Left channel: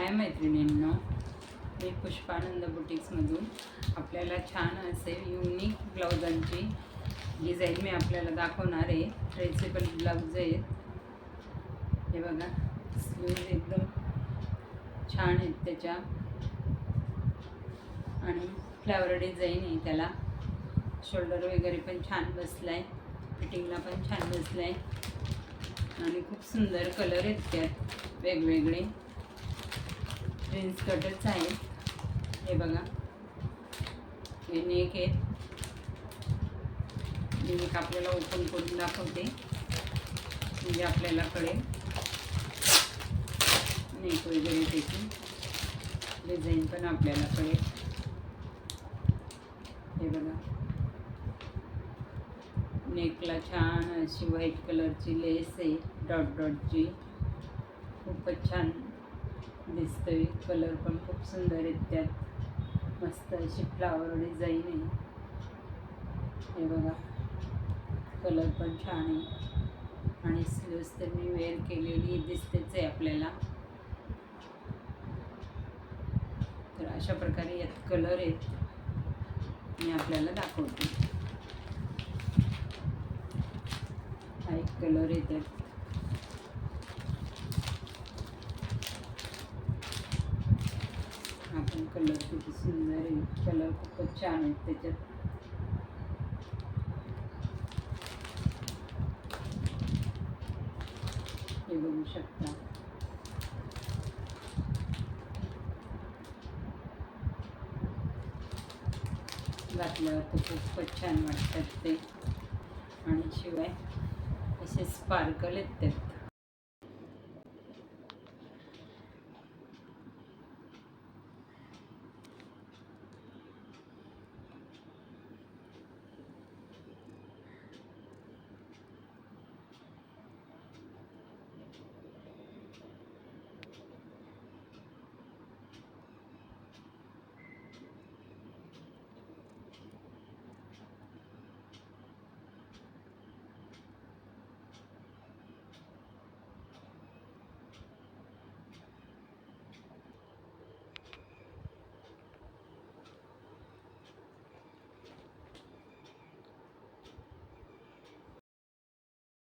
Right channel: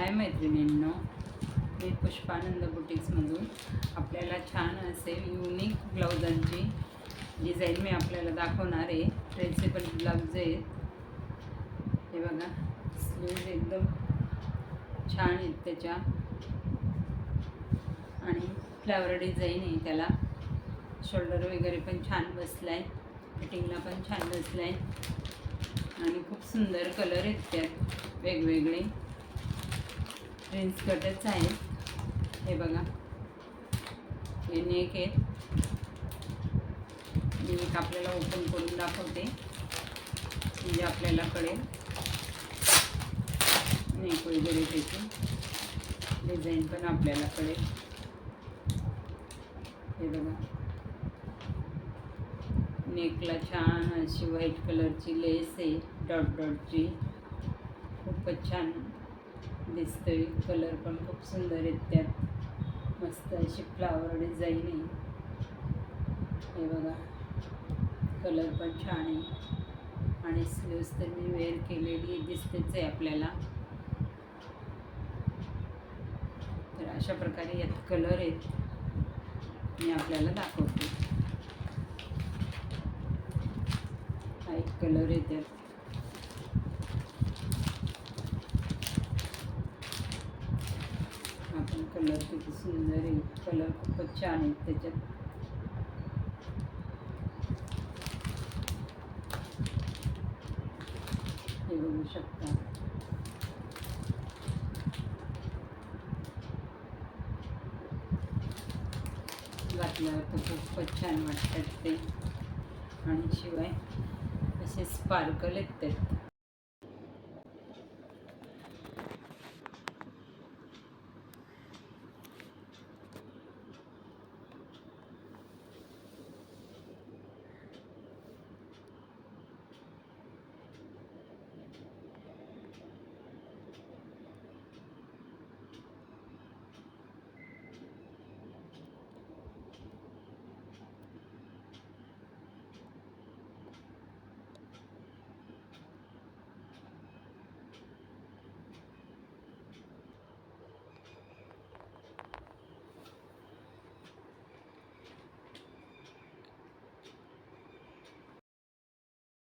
हाय मैत्रिणींनो, मी पुष्पानंद बुटिक्समधून आपल्याला छान असे युनिक ब्लाउजांची डिझाईन मी आपल्याला दाखवणार आहे. ट्रेसेबल ब्लाउज आहेत. हे बघा, स्लीव्ज एकदम छान आहेत त्याच्या आणि फ्लावर डिझाईन आहे त्याला. शोल्डर वगैरे पण छान बसला आहे, फिटिंगला पण छान बसला आहे आणि खूप सुंदर कलर आहेत त्यात वेगवेगळे. प्रिन्स कटच आहेत. हे बघा, हे नेक आहेत. मी एक आपल्याला ओपन करून दाखवते म्हणजे आपल्याला कळेल नेक वगैरे त्याची डिझाईन पण आपल्याला कळेल. हे बघा, नेकला छान अशी व्हाईट कलरची लेस आहे डॉट डॉटची. खूपच छान दिसतोय. कलर पण खूप सुंदर आहेत त्यात. मस्त अशी फ्लावर डिझाईन आहे. हे बघा, कलर पण छान आहे आणि स्लीव्स तर मी वेअर केलेली दिसतेच आहे आपल्याला. तर अशा प्रकारे यात कलर आहेत, मी आपल्याला दाखवते. हा एक कलर आहे त्यात. हा पण कलर किती सुंदर आहे. कलर खूपच छान आहेत त्याच्यात. हे बघू शकता. घातल्यावर तर खूपच छान वाटतात ते आणि शिवाय असे स्पार्कल आहेत त्यात.